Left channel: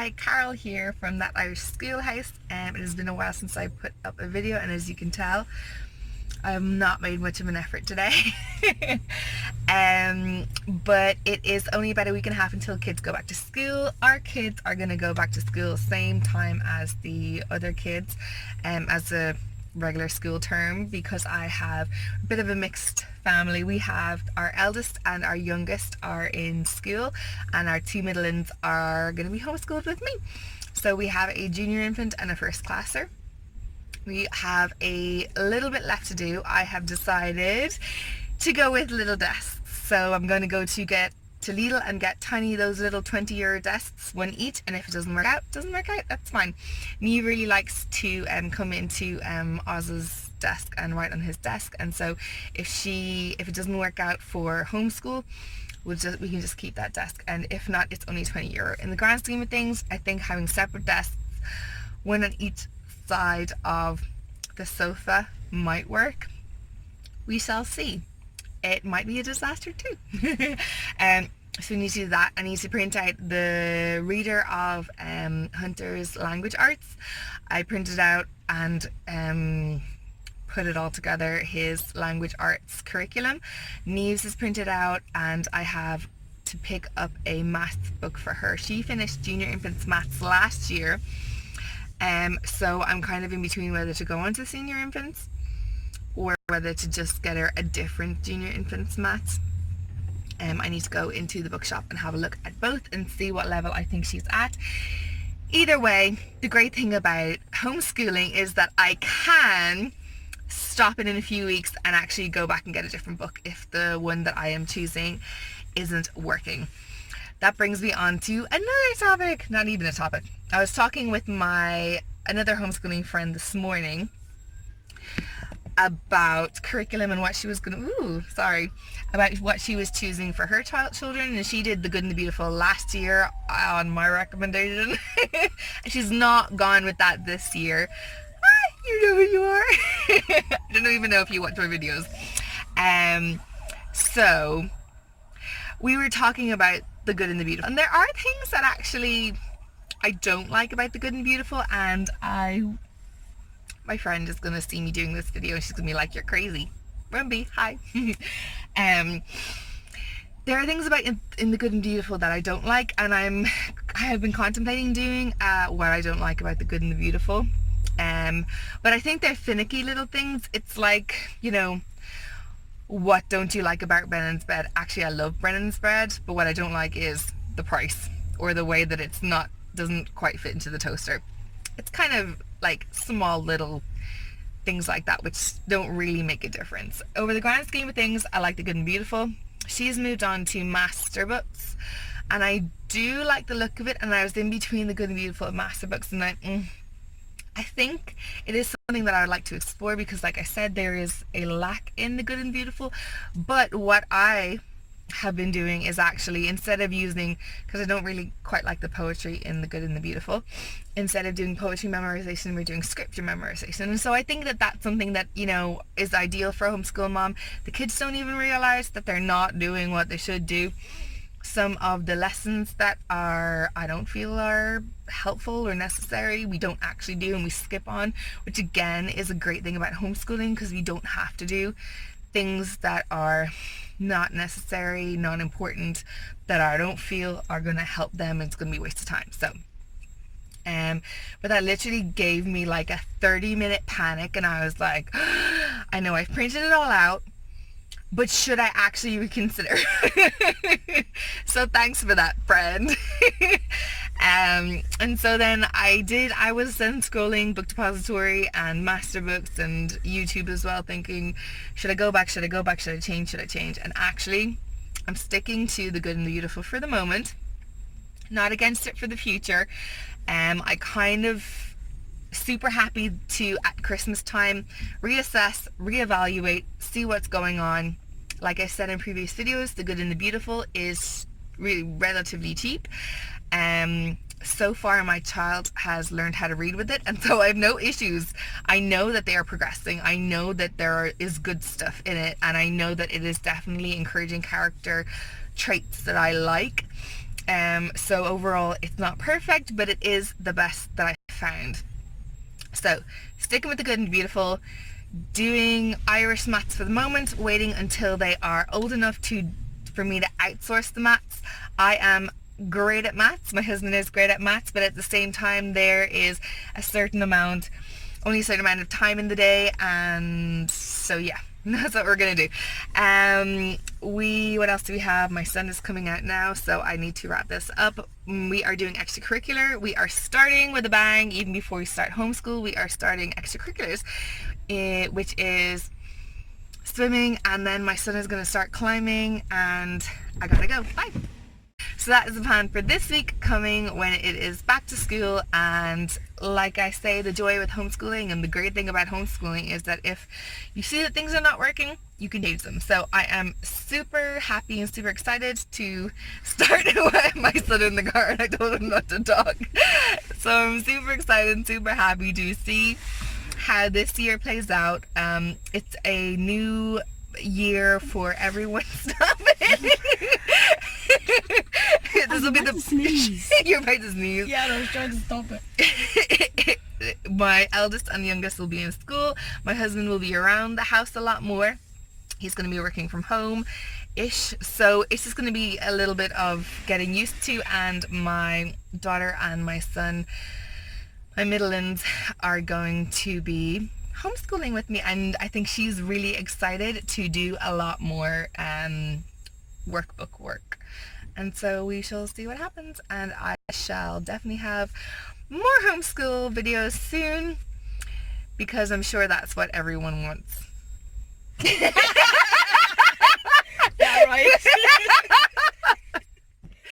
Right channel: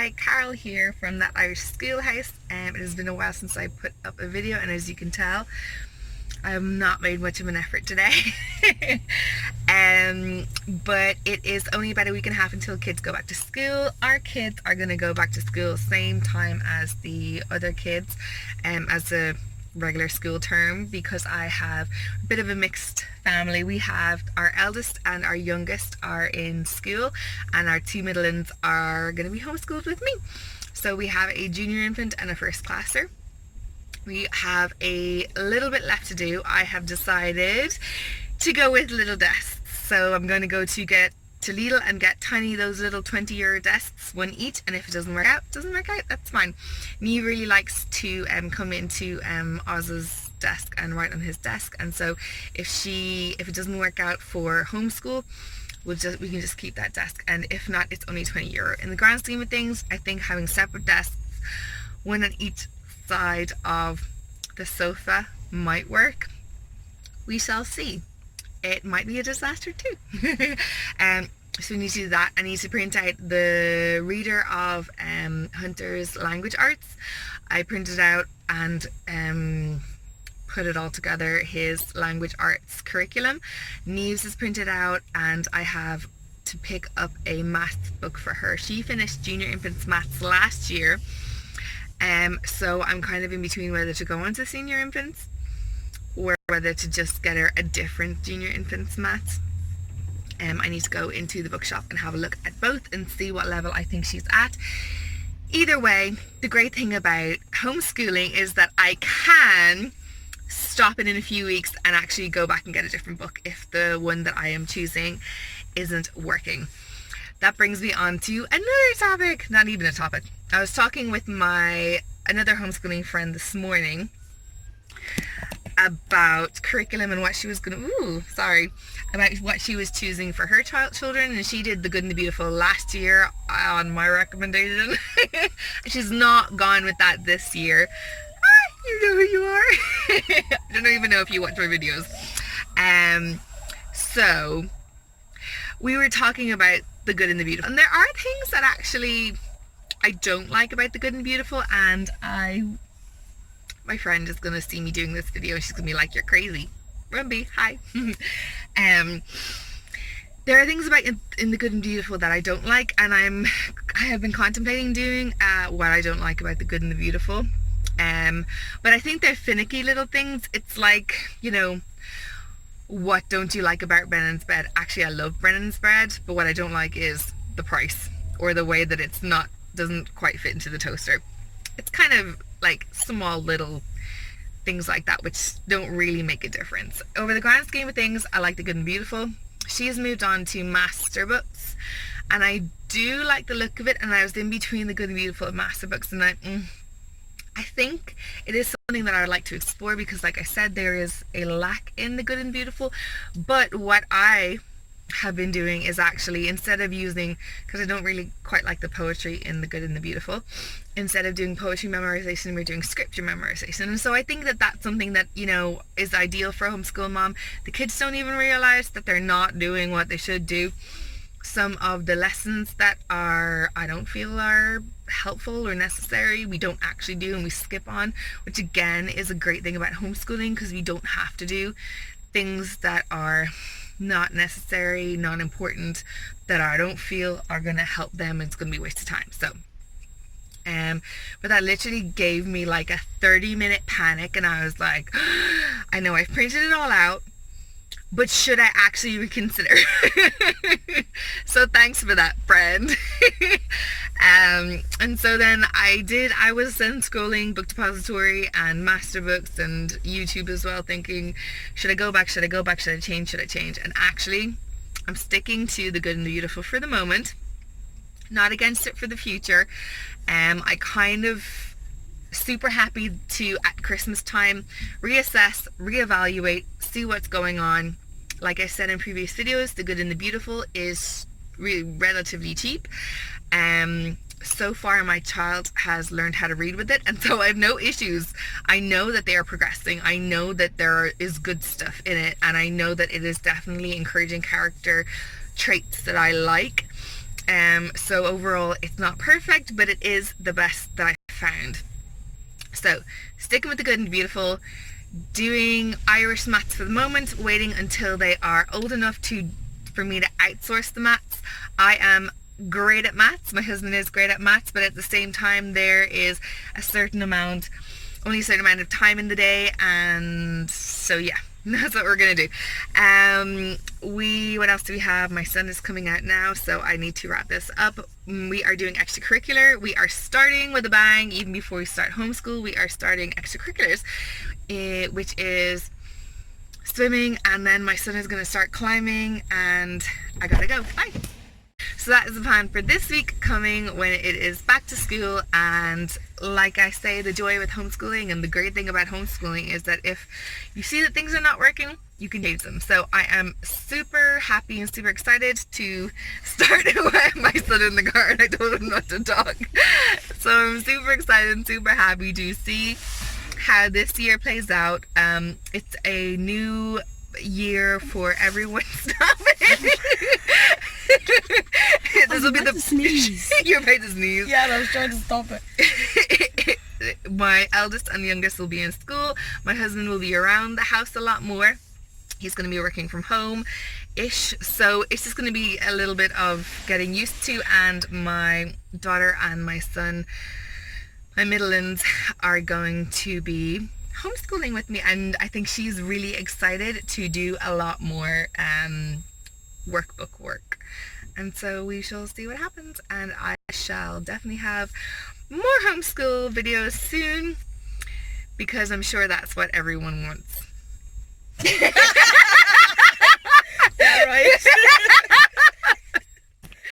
Hi, Carol here from That Irish Schoolhouse. It has been a while since I put up a video, and as you can tell, I have not made much of an effort today. But it is only about a week and a half until kids go back to school. Our kids are going to go back to school same time as the other kids, as a regular school term, because I have a bit of a mixed family. We have our eldest and our youngest are in school, and our two middle ones are going to be homeschooled with me. So we have a junior infant and a first classer. We have a little bit left to do. I have decided to go with little desks, so I'm going to go to Lidl and get those little 20-euro desks, one each, and if it doesn't work out, that's fine. Neve really likes to come into Oz's desk and write on his desk, and so if it doesn't work out for homeschool, we can just keep that desk, and if not, it's only 20 euro. In the grand scheme of things, I think having separate desks, one on each side of the sofa, might work. We shall see. It might be a disaster too. So we need to do that. I need to print out the reader of Hunter's language arts. I printed out and put it all together, his language arts curriculum. Neve's is printed out, and I have to pick up a maths book for her. She finished junior infants maths last year, so I'm kind of in between whether to go on to senior infants or whether to just get her a different junior infants maths. I need to go into the bookshop and have a look at both and see what level I think she's at. Either way, the great thing about homeschooling is that I can stop it in a few weeks and actually go back and get a different book if the one that I am choosing isn't working. That brings me on to another topic, not even a topic. I was talking with another homeschooling friend this morning about curriculum and what she was about what she was choosing for her children, and she did The Good and the Beautiful last year on my recommendation. She's not gone with that this year. You know who you are. I don't even know if you watch my videos. So we were talking about The Good and the Beautiful, and there are things that actually I don't like about The Good and Beautiful, and my friend is going to see me doing this video and she's going to be like, "You're crazy. Rumby, hi." There are things about in The Good and Beautiful that I don't like, and I have been contemplating doing what I don't like about The Good and the Beautiful. But I think they're finicky little things. It's like, what don't you like about Brennan's bread? Actually, I love Brennan's bread, but what I don't like is the price, or the way that it's doesn't quite fit into the toaster. It's kind of like small little things like that which don't really make a difference. Over the grand scheme of things, I like The Good and Beautiful. She's moved on to master books, and I do like the look of it, and I was in between The Good and Beautiful and master books, and I think it is something that I would like to explore, because like I said, there is a lack in The Good and Beautiful. But what I have been doing is actually, instead of using, because I don't really quite like the poetry in The Good and the Beautiful, instead of doing poetry memorization, we're doing scripture memorization. And so I think that that's something that is ideal for a homeschool mom. The kids don't even realize that they're not doing what they should do. Some of the lessons that I don't feel are helpful or necessary, we don't actually do, and we skip on, which again is a great thing about homeschooling, because we don't have to do things that are not necessary, not important, that I don't feel are going to help them. It's going to be a waste of time. So but that literally gave me like a 30-minute panic, and I was like, I know I've printed it all out, but should I actually reconsider? So thanks for that, friend. And so then I was then scrolling Book Depository and Master Books and YouTube as well, thinking, should I go back, should I change? And actually, I'm sticking to The Good and the Beautiful for the moment, not against it for the future. I kind of super happy to, at Christmas time, reassess, reevaluate, see what's going on. Like I said in previous videos, The Good and the Beautiful is relatively cheap. So far my child has learned how to read with it, and so I have no issues. I know that they are progressing. I know that there is good stuff in it, and I know that it is definitely encouraging character traits that I like. So overall it's not perfect, but it is the best that I found. So sticking with the good and beautiful, doing Irish maths for the moment, waiting until they are old enough for me to outsource the maths. I am great at maths, my husband is great at maths, but at the same time there is only a certain amount of time in the day, and so yeah, that's what we're gonna do. What else do we have? My son is coming out now, so I need to wrap this up. We are doing extracurricular. We are starting with a bang. Even before we start homeschool, we are starting extracurriculars, which is swimming, and then my son is going to start climbing, and I gotta go. Bye. So that is the plan for this week, coming when it is back to school. And like I say, the joy with homeschooling and the great thing about homeschooling is that if you see that things are not working, you can change them. So I am super happy and super excited to start with my son in the car, and I told him not to talk. So I'm super excited and super happy to see how this year plays out. It's a new year for everyone. Stop it. This will be the sneeze. You're about to sneeze. Yeah, I was trying to stop it. My eldest and youngest will be in school. My husband will be around the house a lot more. He's going to be working from home-ish, so it's just going to be a little bit of getting used to, and my daughter and my son, my middle-ins, are going to be homeschooling with me, and I think she's really excited to do a lot more workbook work, and so we shall see what happens, and I shall definitely have more homeschool videos soon, because I'm sure that's what everyone wants.